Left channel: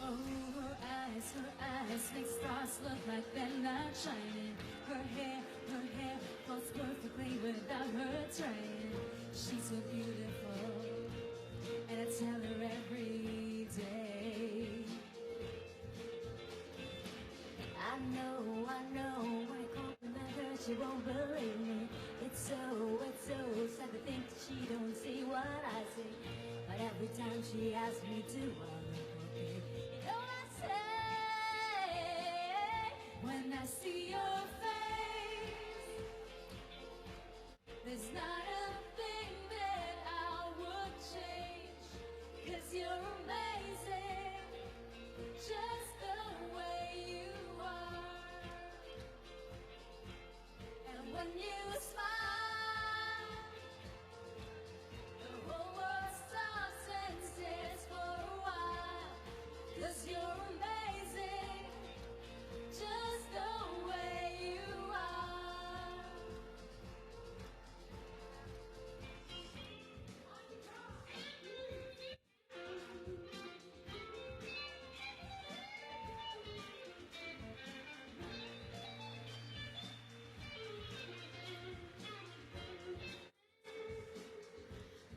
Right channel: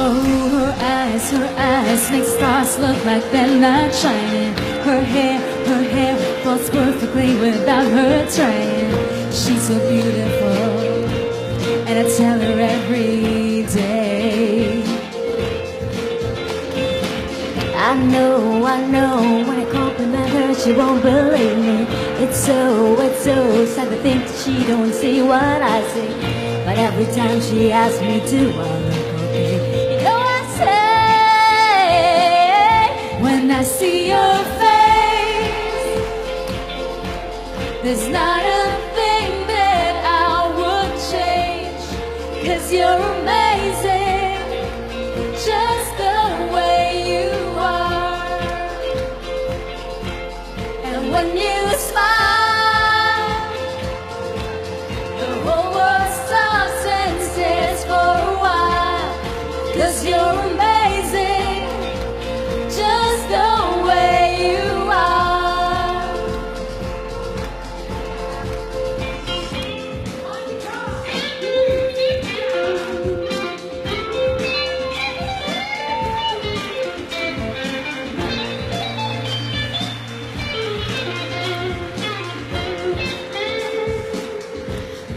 Oh, her eyes make stars look like they're not shining. Her hair falls perfectly without her trying. She's so beautiful, and I tell her every day. I know, when I compliment her, she won't believe me. It's so sad to think that she don't see what I see. But every time she asks me to, I look okay. You know I say, when I see your face, there's not a thing that I would change. 'Cause you're amazing, just the way you are. And when you smile, the whole world stops and stares for a while. 'Cause you're amazing, just the way you are.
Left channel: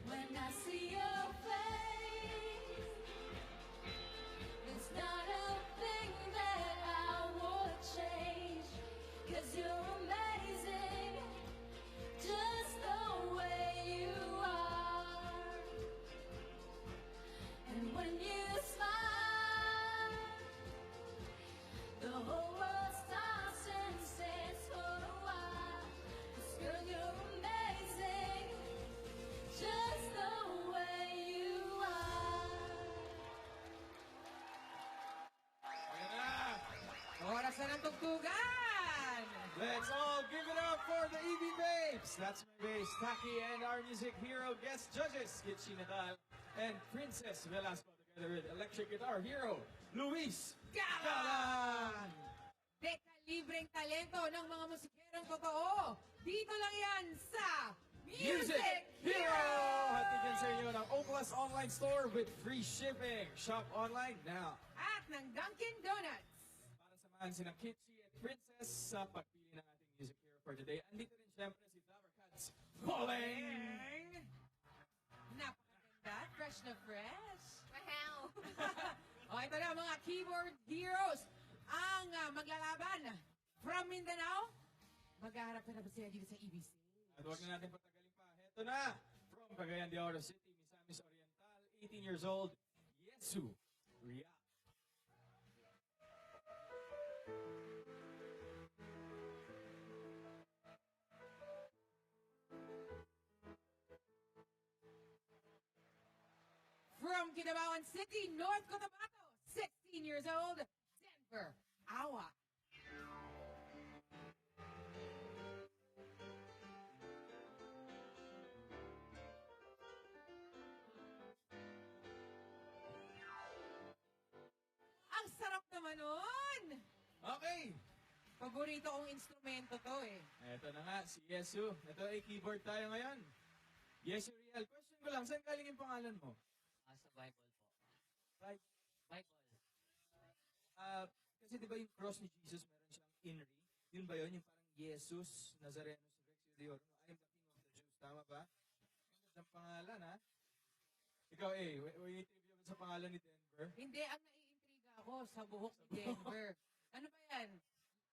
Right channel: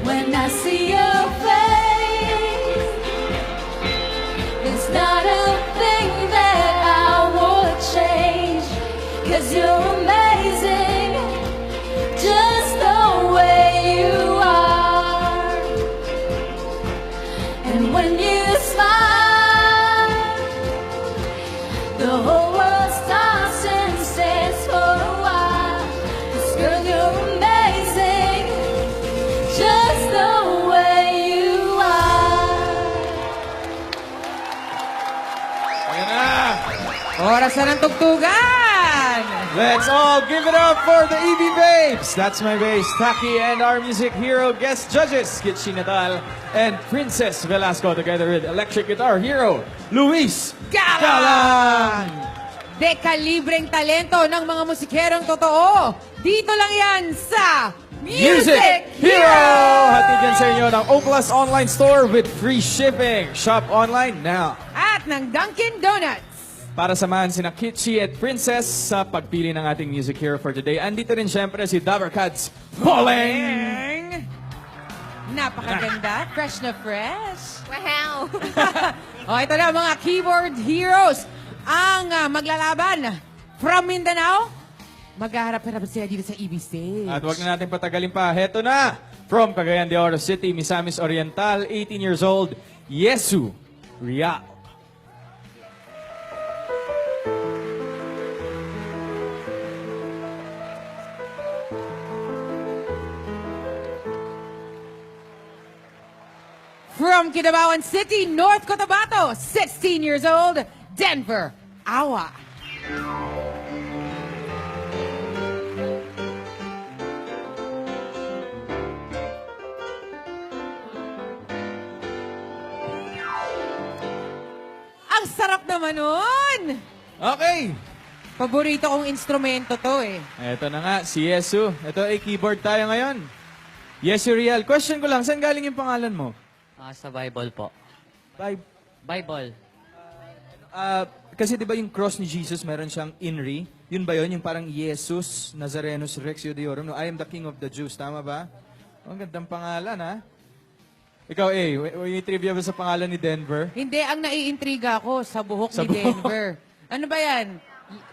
When I see your face, there's not a thing that I would change. 'Cause you're amazing, just the way you are. And when you smile, the whole world stops and stares for a while. 'Cause girl, you're amazing, just the way you are. Ayan na! Oras na ng tugtugan! Let's all give it up for the EB Babes! That's my bass, Taki, and our music hero guest judges, Gitchi Natal and Princess Velasco, together with electric guitar hero, Luis Galan! Dekalibreng talento ng mga musikerong totoo. Dito lang yan sa Music Hero! Hatid yan sa inyo ng Oplus Online Store with free shipping. Shop online now. At ng Dunkin' Donuts. Para samahan sina Kitchi at Princess sa pagpili ng ating music hero for today. Andito rin syempre si Dabarkads Poleng! Napakaganda. Fresh na fresh. Wow! O, ito na mga keyboard heroes. Ang maglalaban from Mindanao. Maghaharap-harap sila dito sa EB Stage. At huwag na natin patagalin pa. Heto na! From Cagayan de Oro City, Misamis Oriental, 18 years old, Yesu Rial. From Kidabawan City, North Cotabato, 16 years old, Denver Awa. Ang sarap naman nun! Okay! Paborito kong instrumento to eh. Eto na nga, si Yesu. Ito ay keyboard tayo ngayon. Yesu Rial, question ko lang, saan galing yung pangalan mo? Sa Bible po. Bible. Kasi di ba yung cross ni Jesus, meron siyang INRI? Yun ba yun? Yung parang Jesus Nazarenus Rex Judiorum. No, I am the King of the Jews. Tama ba? Ang gandang pangalan, ha? Ikaw, may trivia ba sa pangalan ni Denver? Hindi, ang naiintriga ako sa buhok Sa ni buhok. Denver. Ano ba yan?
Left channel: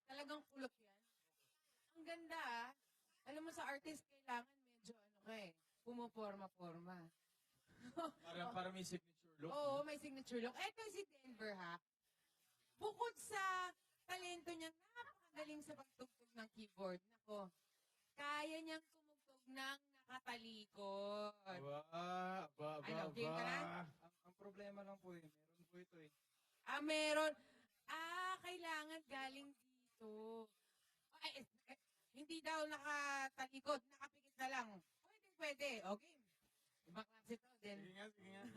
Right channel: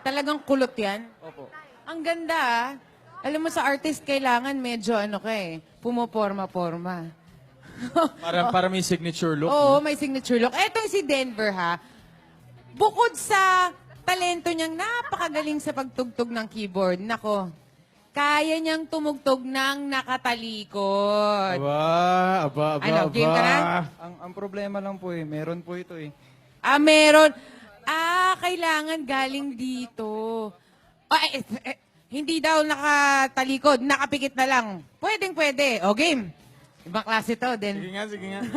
Talagang kulot yan? Opo. Ang ganda ah. Alam mo sa artist, kailangan medyo pumoporma-porma. Para may signature look. Oo, no? may signature look. Etong si Denver ha, bukod sa talento niyang napakagaling sa pagtugtog ng keyboard, nako, kaya niyang tumugtog ng nakatalikod. Aba. Ano, game ka na? Ang problema lang po meron po ito Meron. Kailangan galing dito. Hindi daw nakatalikod, nakapikit na lang. Pwede. O, game. Ibang klase to, Sige then. nga.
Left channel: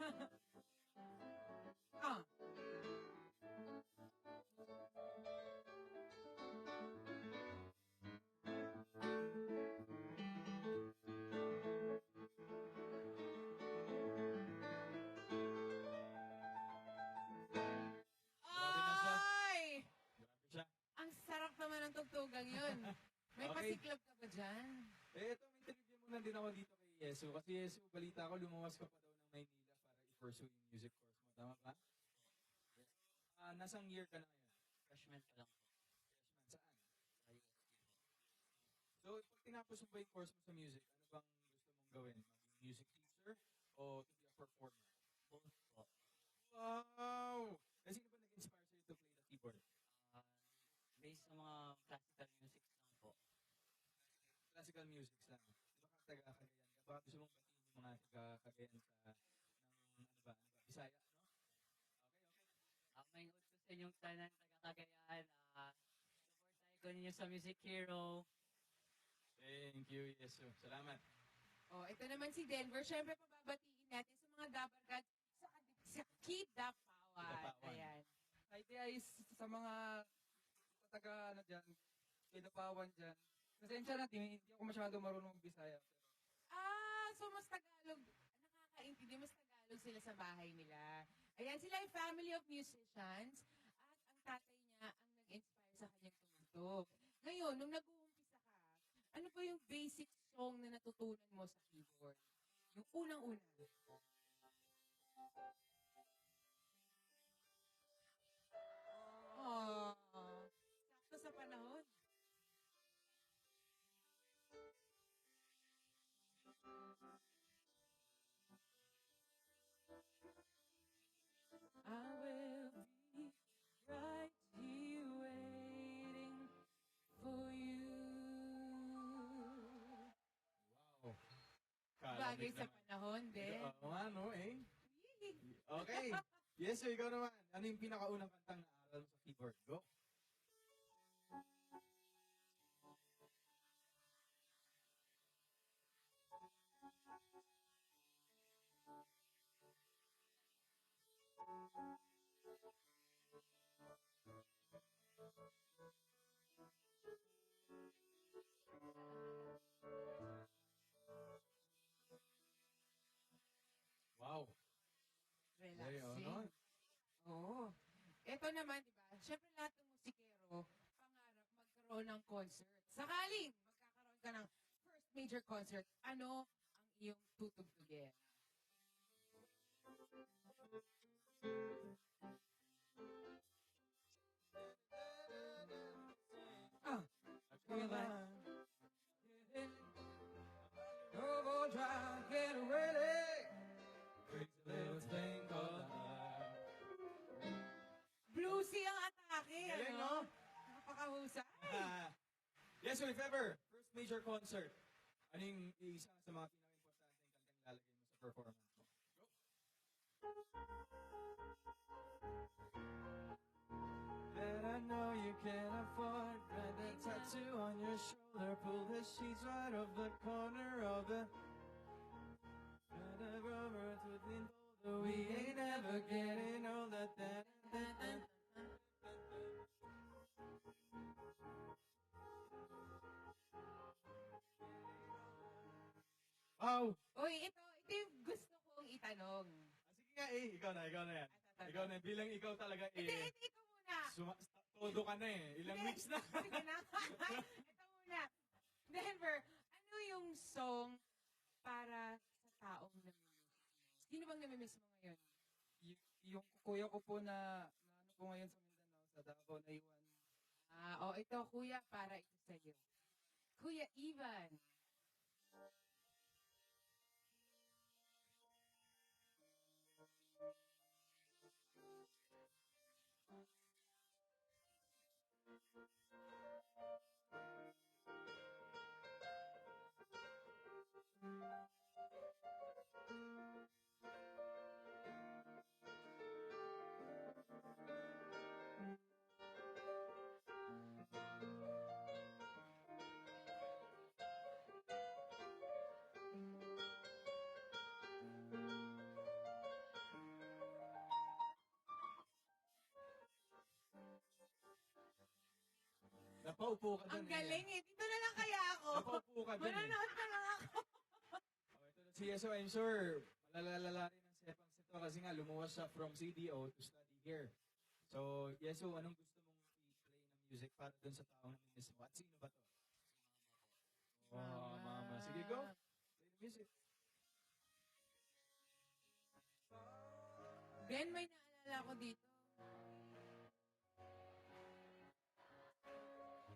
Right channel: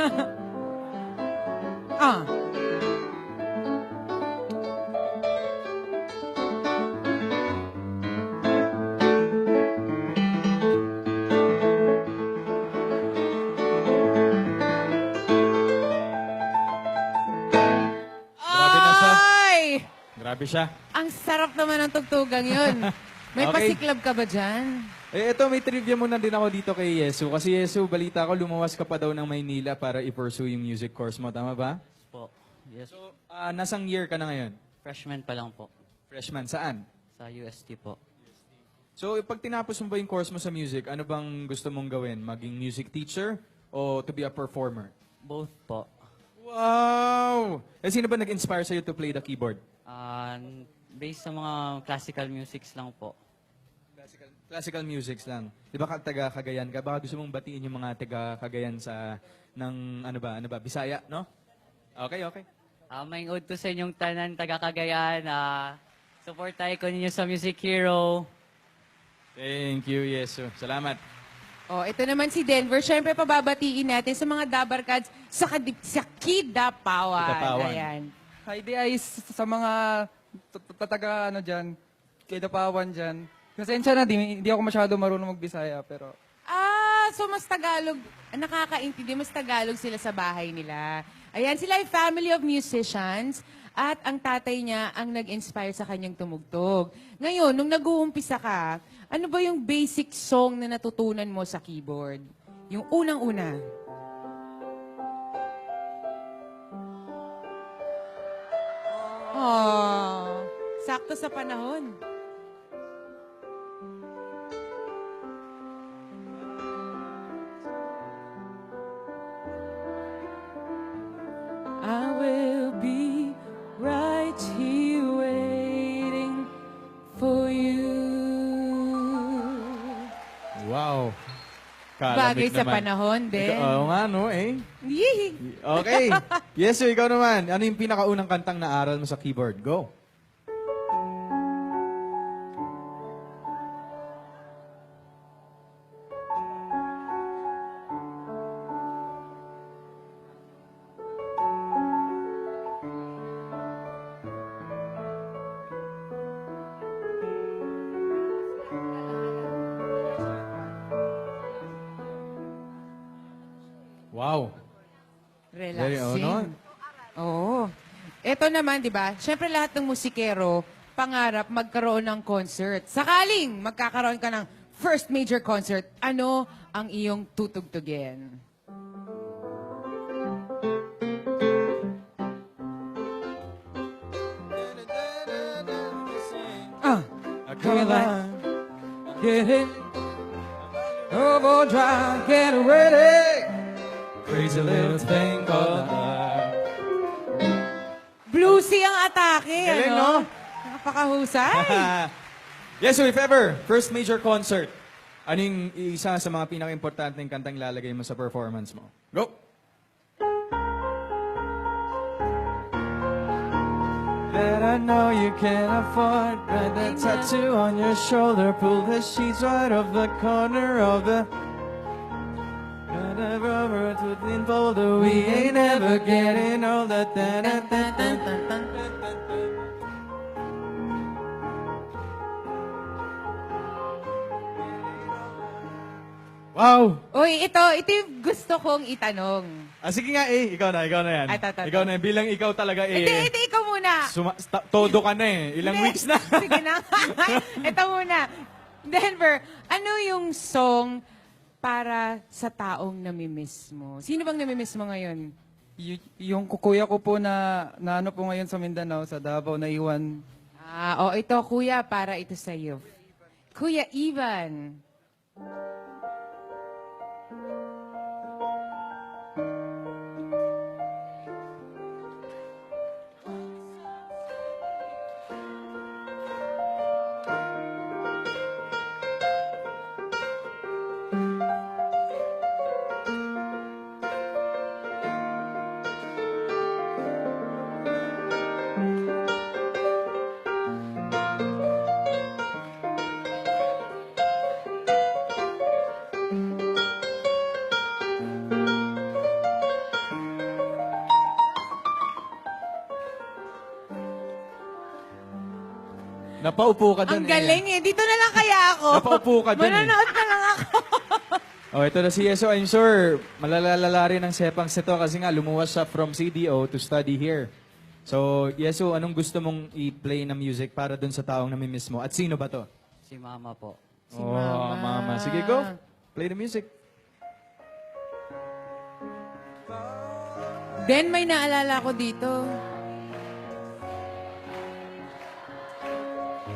Ah. Grabe siya. Ang sarap naman ng tugtugang yun. May Okay. pasiklab ka ba dyan? Eh, ito, may trivia muna din ako dito kay Yesu. Kasi Yesu, balita ko, lumawas ka pa daw ng Maynila para i-pursue yung music course mo. Tama ba? Po. Yes. So, nasang year ka na ngayon? Freshman pa lang po. Freshman. Saan? Sa UST po. So, pag tinapos mo ba yung course mo sa music, ano bang gusto mong gawin? Maging music teacher o to be a performer? Both po. Wow! Eh, sino ba nag-inspire sa'yo to play the keyboard? Ah, based sa mga classical musics lang po. Classical musics lang. Di ba taga Cagayan ka? Baka gusto mong batiin yung mga taga Cagayan sa, ano ba, Bisaya, no? Okay. May ud ko sa inyong tanan, taga Cagayan. Supportay ko ninyo sa Music Hero. Thank you, Yesu. Salamat. Oh, ito naman si Denver. Siyempre, pababatiin natin sa mga Dabarkads sa Kidapawan. Kidapawan. Ayan. Hi, di ay sa mga taga ano dyan, kay Dapawan dyan. Pasensya na, di ako masyado marunong magbisaya, pero So mas Tagalog, nakakaintindi, mas Tagalog sila sa bahay nila. Ayan, sila ay family of musicians at ang tatay niya ang nag-inspire sa kanyang tumugtog. Ngayon, nung nag-uumpisa ka, ano ba yung basic song na natutunan mo sa keyboard? Yung unang-una. Oh, sakto sa panahon. I will be right here waiting for you. Wow. Bagay Kalamig sa naman. panahon din. Oo nga, no, eh. Yee! Okay. Yesu, ikaw naman. Ano yung pinakaunang kantang naaral mo sa keyboard? Go. Wow. Very, Relaxing. Oo. Ito naman, di ba? Siyempre lahat ng musikero, pangarap magkaroon ng concert. Sakaling magkakaroon ka ng first major concert, ano ang iyong tutugtugin? come on, get it, overdrive, get ready, crazy little thing called love. Bluesy ang atake, Galing, ano? no? Napakahusay. Yesu, if ever, first major concert, ano yung isa sa mga pinaka-importanteng kantang lalagay mo sa performance mo? Go! That I know you can't afford, but that tattoo on your shoulder, pull the sheets right off the corner of the rubber to the folder. We ain't ever getting older. Wow! Uy, ito yung gusto kong itanong. Sige nga ikaw na yan. Ay, tato. Ikaw na, bilang ikaw talaga Hindi, ikaw muna. todo ka na Ilang Hindi. weeks na. Sige na. Ito muna. Denver, ano yung song para sa taong namimiss mo? Sino bang namimiss mo ngayon? Yung kuya ko po na ano po ngayon sa Mindanao, sa Davao, na iwan. Ito, kuya, para ito sa iyo. Kuya Ivan. Napaupo ka Ang dun galing eh. Dito na lang kaya ako. Napaupo ka dun Manonood na lang ako. Ito na si Yeso. I'm sure malalalala rin ang sepangs nito kasi nga lumuwas siya from CDO to study here. So, Yesu, anong gusto mong i-play na music para dun sa taong namimiss mo? At sino ba to? Si Mama po. Si Oh, Mama. Mama. Sige, go. Play the music. Den, may naalala ko dito.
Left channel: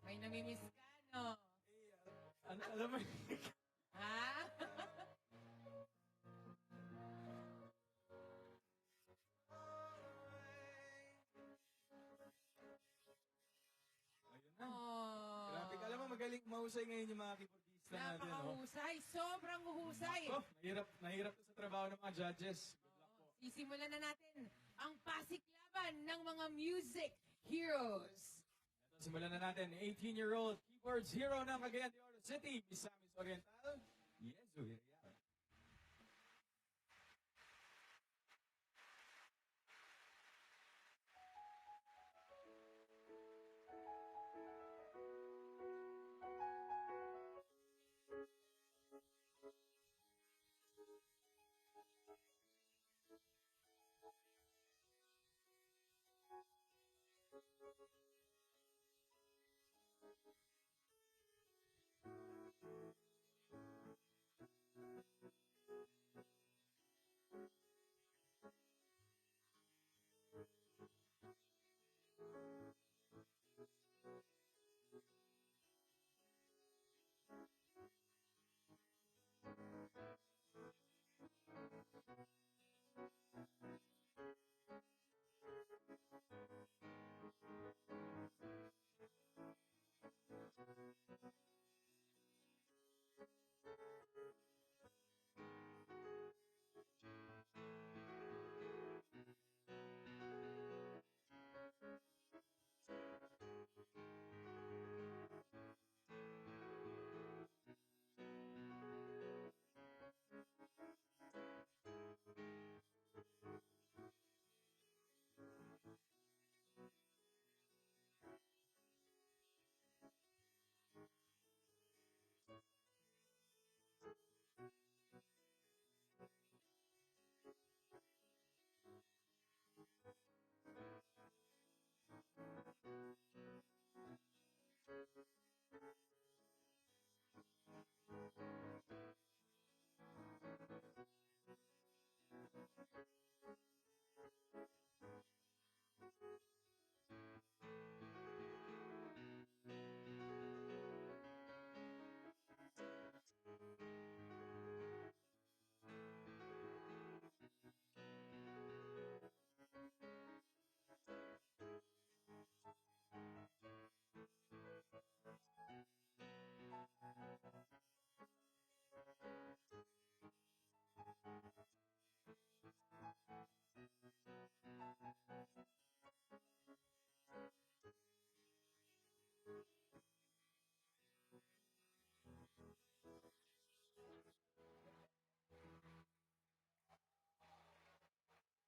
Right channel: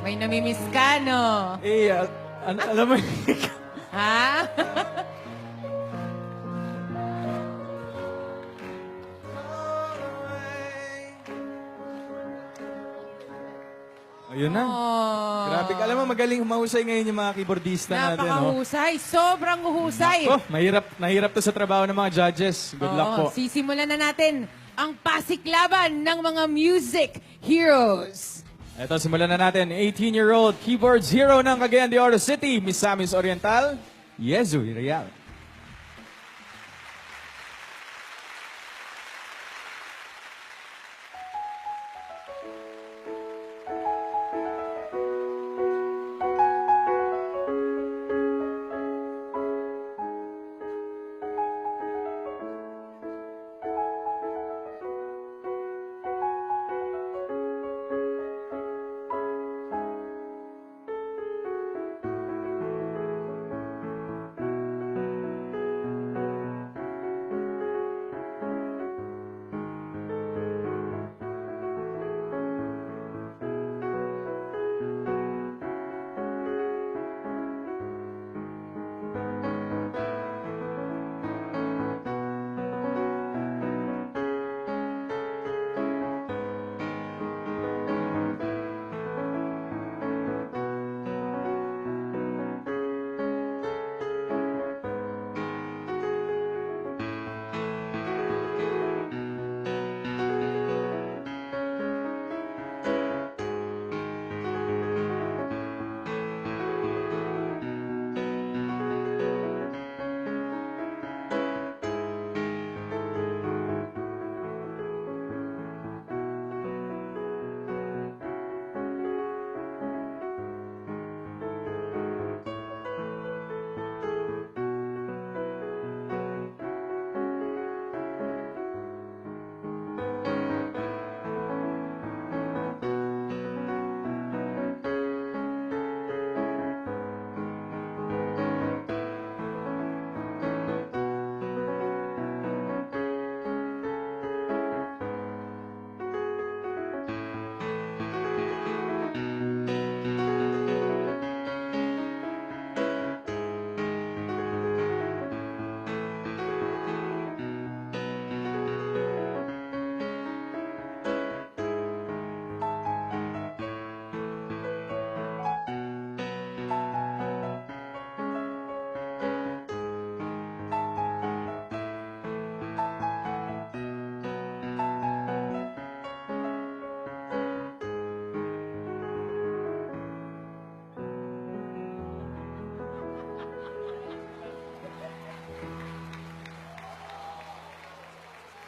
May namimiss ka, no? Eh, alam mo, Ha? ayun na. Oh. Grabe ka. Alam mo, magaling humahusay ngayon yung mga keyboardista natin, no? Napakahusay. Sobrang husay. Oh, nahirap to sa trabaho ng mga judges. Good luck po. Oo, sisimulan na natin ang pasiklaban ng mga music heroes. Ito, simulan na natin. 18-year-old keyboards hero ng Cagayan de Oro City, Misamis Oriental, Yezu Real.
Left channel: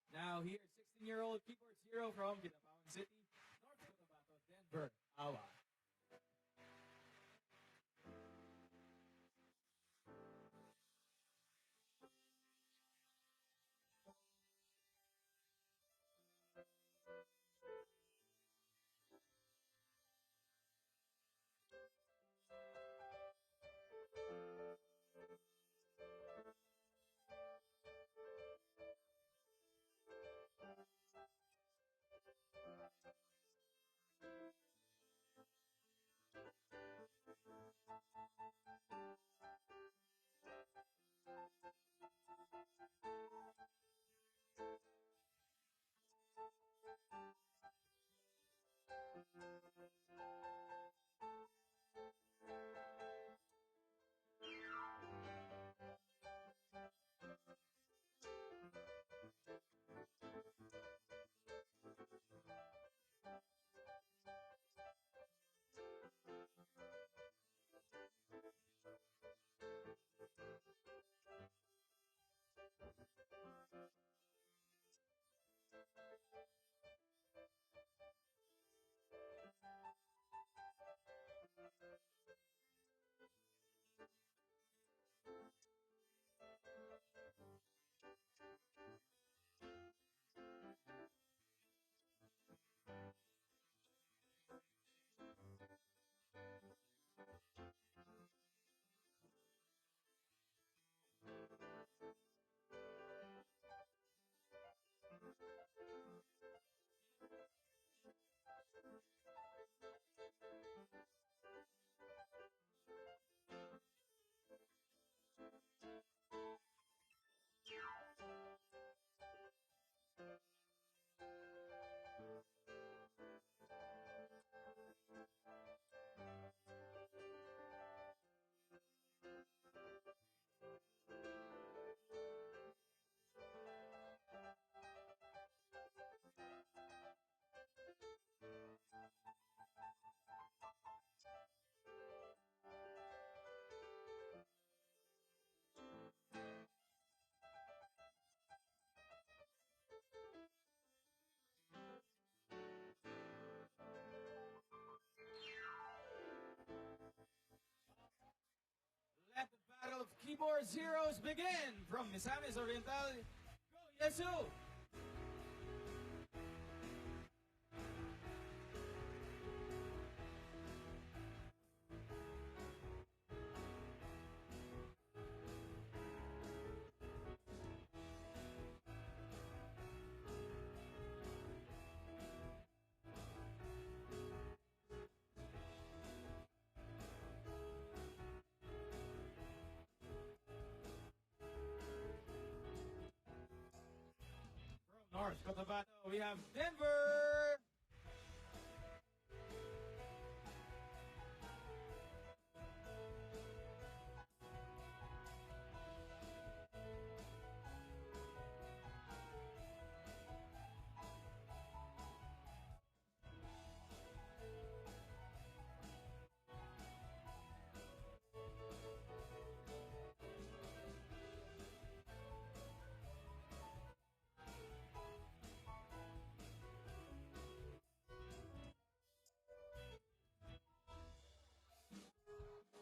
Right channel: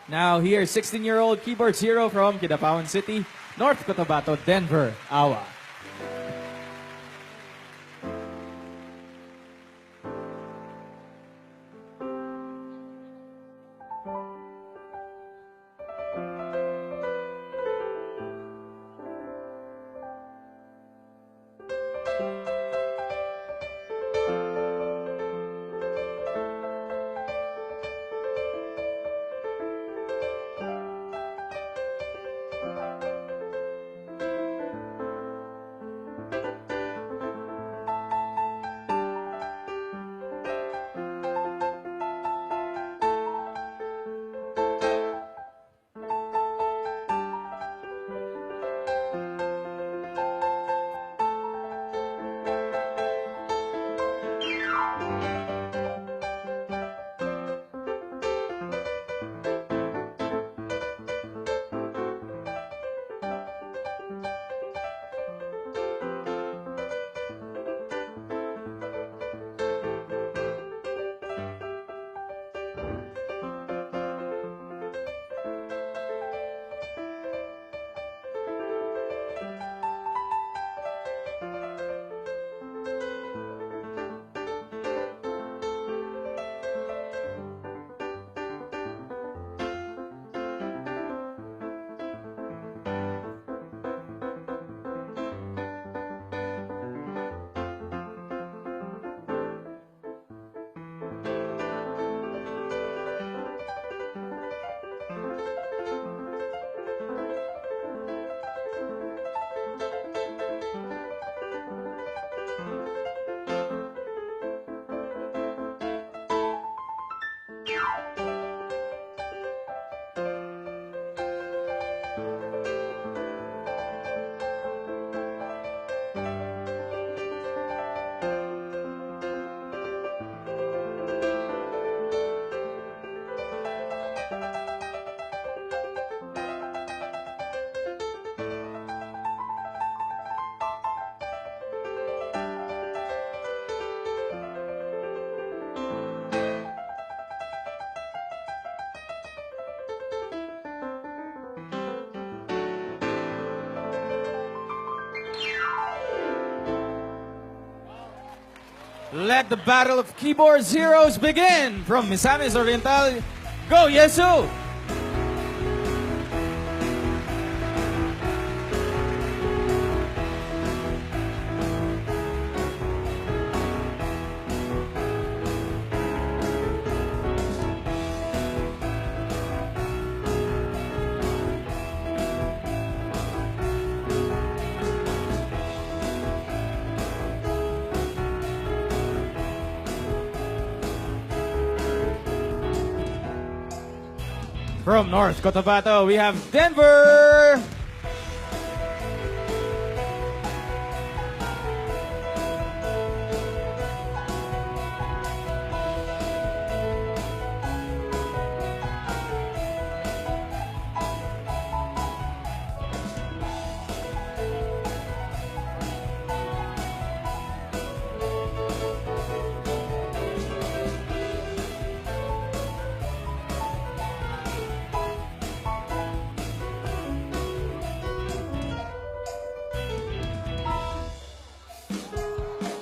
Now here, 16-year-old keyboards hero from Kidapawan City, North Cotabato, Denver, Awa. Let the battle of keyboard zeros begin from Misamis Oriental. Go, Yesu! From North Cotabato, we have Denver.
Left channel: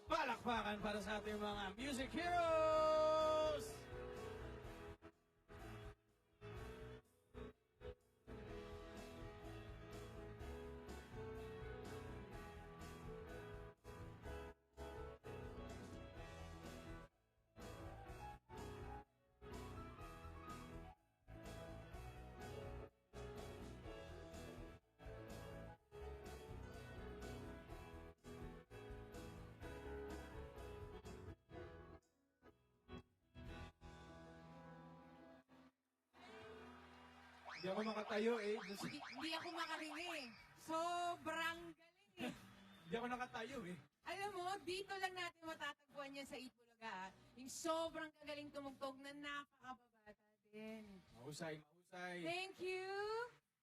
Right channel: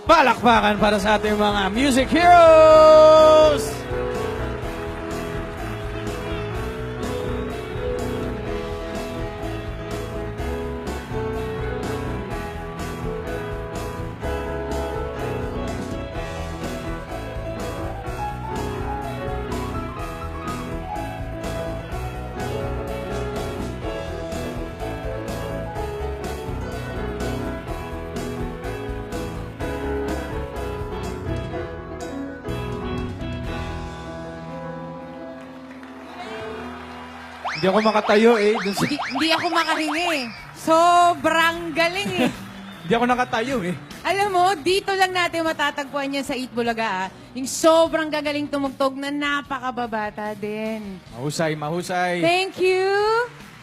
Palakpakan para sa ating mga music heroes! Hindi ako makatayo eh. Hindi ako makahingi eh. Sobrang galing eh. Hindi ako nakatayo eh. Alam mo, dito lang natin matatagpuan yan sa Eat Bulaga, ah. Yung sobrang gagaling tumugtog na napakababata din. Mahusay, mahusay. Thank you,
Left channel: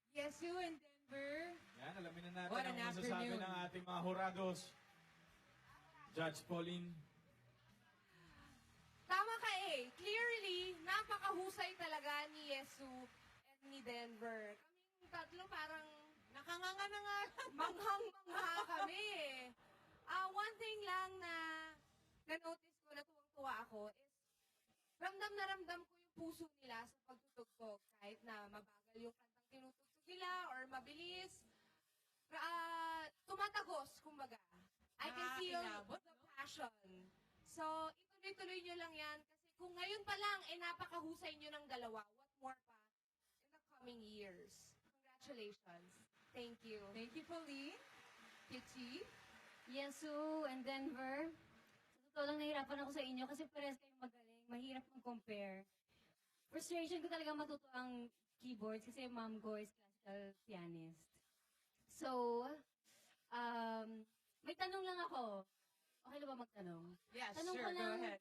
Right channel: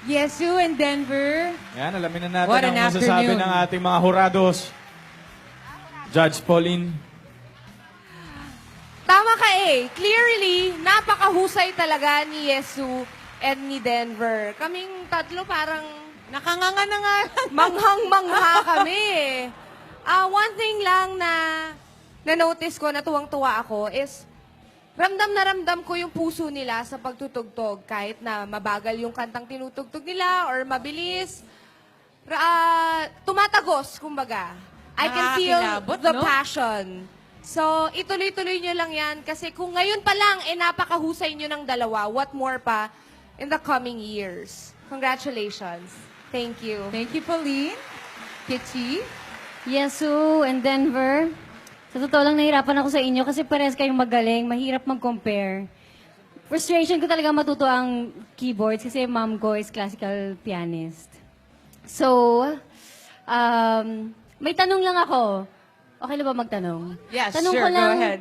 Yesu and Denver. Yan, alamin na natin What ang an masasabi afternoon. ng ating mga hurados. Judge Pauline. Tama ka eh. Clearly, napakahusay talaga ni Yesu and ni Denver. Kaming tatlo parang Nakanganga na nga. manghang-mangha kami eh. One thing lang na na-notice ko, na tuwang-tuwa ako, is ramdam na ramdam ko yung puso nila sa pagtutugtog. Kahit na mabagal yung kantang tinutugtog nila or mabilis. Tumatagos, kumbaga. I can feel Nakakilabot, the no? passion. So, ituloy-tuloy nyo lang yan. Kasi kung ngayon pa lang, napakahusay nyo ng dalawa, what more pa in the coming years. Congratulations. Thank you. Thank you, Pauline. Kichi. Yesu and Denver, sa totoo lang nahirapan ako sa inyo kasi parehas kayong magaling, mahirap mag-compare. Frustration ko talaga matuto ang keyboards kasi mom ko is classical pianist. So, may tanong lang ako. Okay na ba magtanong? Yes, Tanong sure. ko lang, Go ahead.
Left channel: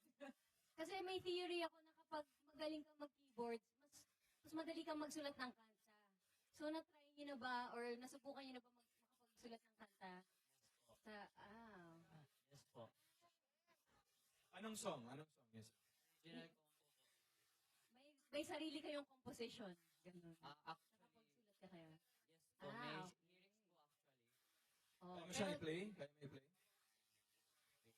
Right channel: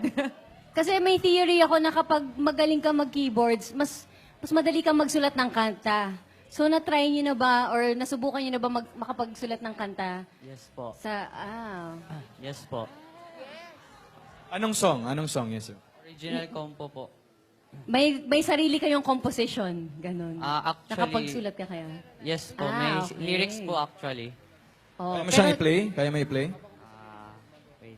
kasi may theory ako na kapag magaling ka mag-keyboards, mas madali kang magsulat ng kanta. So, na-try niyo na ba or nasubukan niyo na ba makapagsulat ng kanta? Yes po. Yes po. Anong song? Anong song, Yesu? Original compo po. May sarili kayong composition, ganun. Actually, Nakapagsulat ka kaya? yes po. May okay. lyrics po actually. Oh, Kaya mo siyang i-play? Kaya mo i-play? Wait.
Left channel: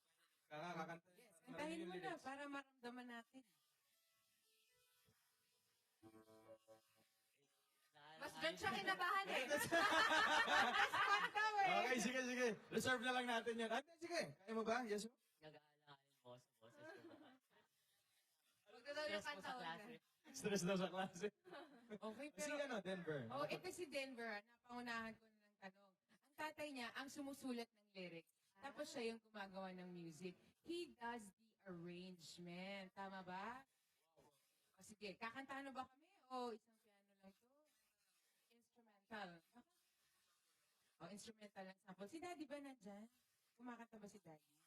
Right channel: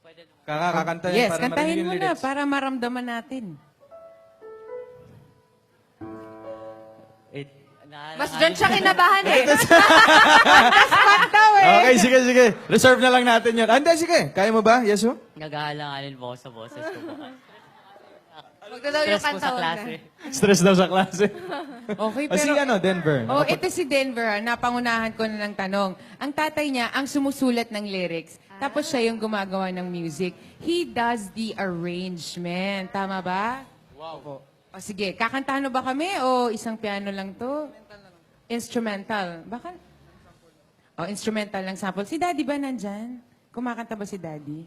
Pwede Kakakanta yan Yes, para kantahin marinig yung mo na lyrics. para maramdaman natin. Wait. Mas dyan siya kinabahan eh. Okay, sige, sige. Reserve na lang natin yun. Hindi, sige. Kaya mo ba, Yesu? Nag-aalanganin po ako sa boses ko po. Magdadaw yung Stress po sa kanta klase. Stress daw sa klase. Okay, Si pero... ano, Denver. Oh, ito si Denver, ha, napangunahan ko na ng tanong. Ang tatay niya, ang sumusulat ng lyrics. Tapos siya yung gumagawa ng music. He does the arrangement. Tama ba? Wow. O sige, kakantahan mo ba kami o isang piano lang to? Instrumental. Baka? O, instrumental lang sample. Si Daddy ba nandyan? Kumakanta ba si Daddy?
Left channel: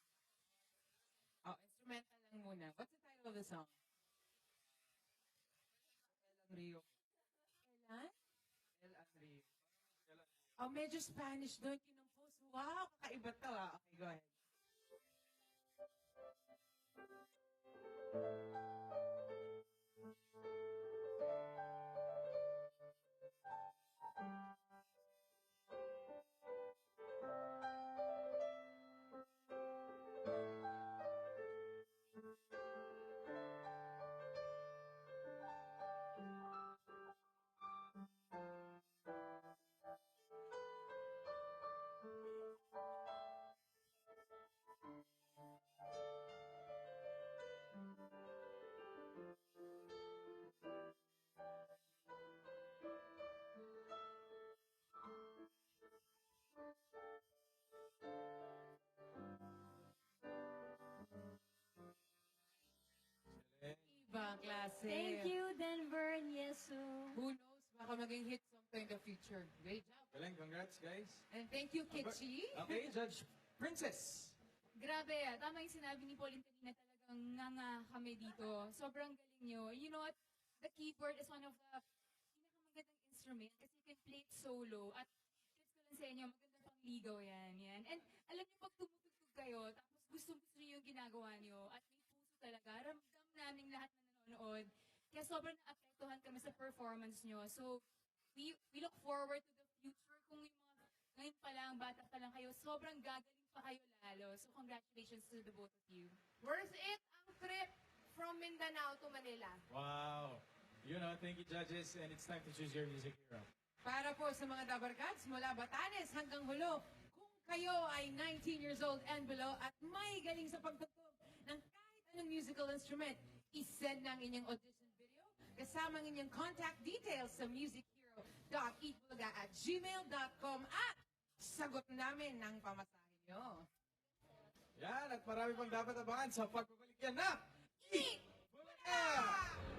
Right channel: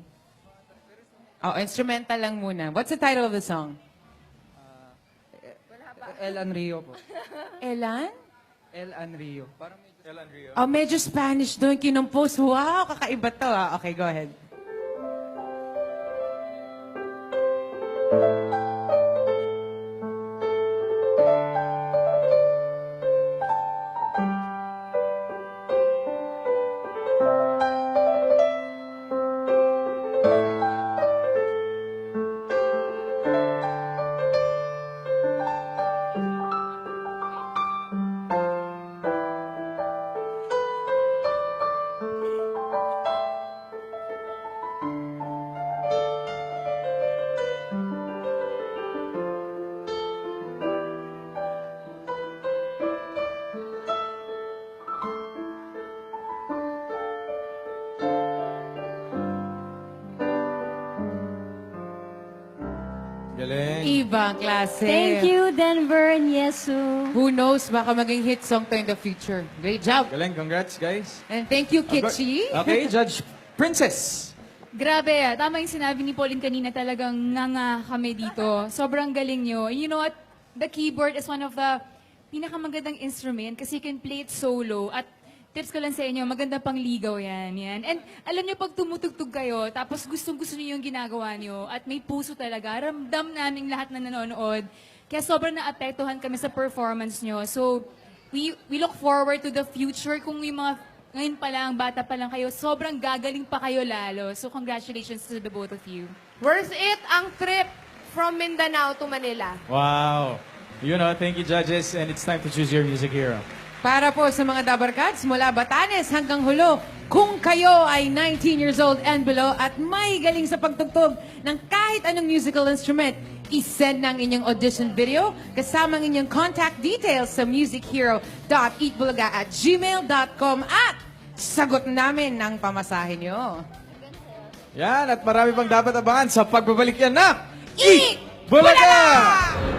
O, instrumental lang muna. What's the title of the song? El Anrio po. Elan? El Anrio. Parang Oh, medyo Spanish doon, kinumpos. Wow, kakaiba to ah. Okay, go ahead. Ibang klase. Thank you, Denver and Yesu. Who knows, baka maging hit song to in the future. Great job. Galing, congrats guys. And thank you, Kitchi. Okay, Judge Princess. Grabe, tama yung sinabi ni Pauline kanina, talagang nga kami dito. Sobrang galing nyo. And you know what? The keyboard is one of the pinakamagandang instrument kasi you can play it solo. At tips ko lang sa inyo, maganda pang ligaw yan. And alam nyo, pag tumutugtog kayo, tapos gustong-gusto nyo yung ginagawa nyo, at may puso talaga, ramdam naming lahat na nanonood. Kaya sobrang naapektuhan kami sa performance nyo. So, we look forward to the future. Kung yung mga ngayon pa lang, bata pa lang kayo, sobrang gagaling pa kayo lalo. So, congratulations to the both of you. Worth it ang trip from Mindanao to Manila. Wow. You know, thank you judges and it's time to choose your music hero. Para po sa mga Dabarkads mula Batanes hanggang Hulo, kung kayo ay 19 years old and below at may galing sa pagtugtog ng kahit anong musical instrument, isend ng inyong audition video kasama ng inyong contact details sa musichero.eatbulaga@gmail.com at sagot namin ng pamasahe nyo. Yan, at marami pang dapat abangan sa pagbabalik yan na Eat Bulaga! Bulaga!